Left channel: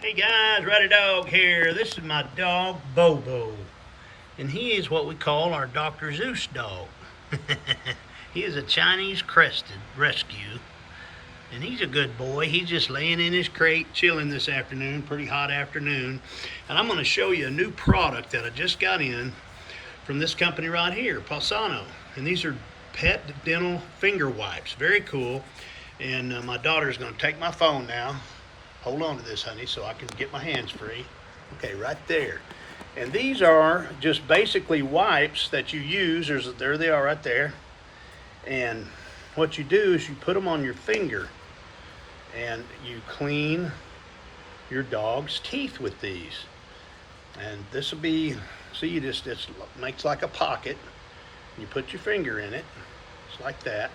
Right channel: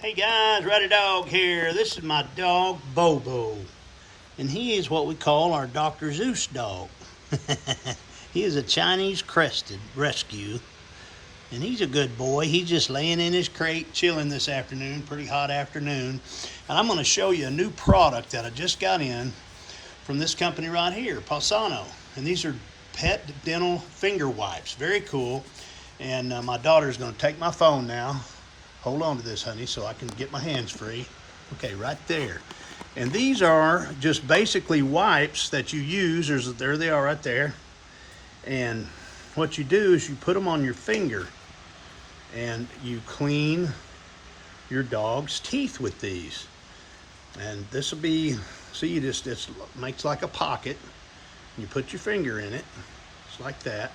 Hey guys, Rowdy Dog here. This is my dog Bobo, and he is what we call our Dr. Zeus dog. He is a Chinese crested rescue, and he's a good boy. He's just laying in his crate chilling this afternoon, pretty hot afternoon. And I'm going to show you a new product that I just got in from this company right here, PawSono. And these are pet dental finger wipes. Very cool. And my daughter's going to take my phone now. Hold on to this, honey, so I can get my hands free. Okay, right there. And these are just basically wipes that you use. There they are right there. And what you do is you put them on your finger and you clean your dog's teeth with these. And this will be, see, you just makes like a pocket. You put your finger in it, just like that.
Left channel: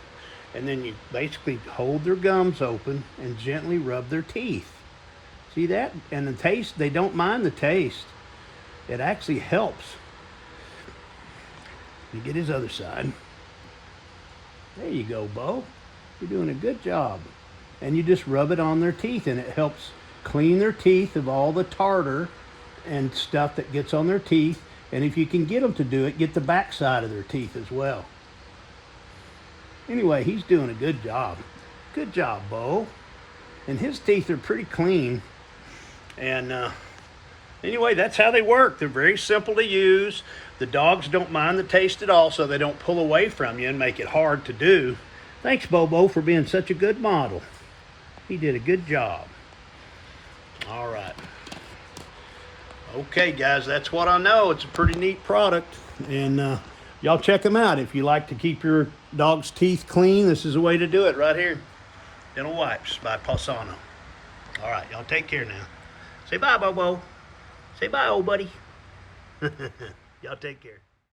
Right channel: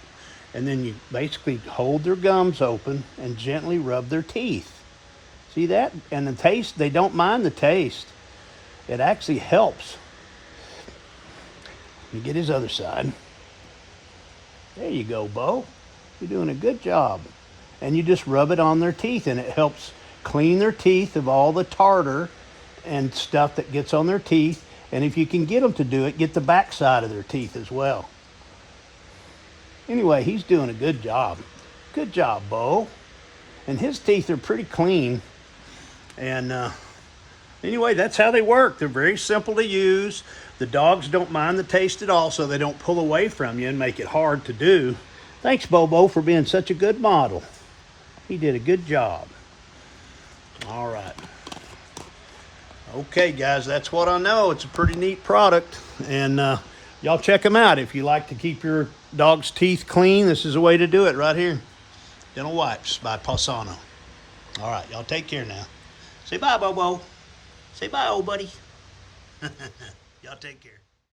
And then you basically hold their gums open and gently rub their teeth. See that? And the taste, they don't mind the taste. It actually helps. You get his other side. There you go, Bo. You're doing a good job. And you just rub it on their teeth, and it helps clean their teeth of all the tartar and stuff that gets on their teeth. And if you can get them to do it, get the back side of their teeth as well. Anyway, he's doing a good job. Good job, Bo. And his teeth are pretty clean. And anyway, that's how they work. They're very simple to use. The dogs don't mind the taste at all, so they don't pull away from you and make it hard to do. Thanks, Bobo, for being such a good model. He did a good job. All right. Okay, guys, that's what I know. It's a pretty neat product. And y'all check them out. If you like to keep your dog's teeth clean, this is a way to do it right here. Dental Wipes by PawSono. All right, y'all take care now. Say bye, Bobo. Say bye, old buddy. Y'all take care.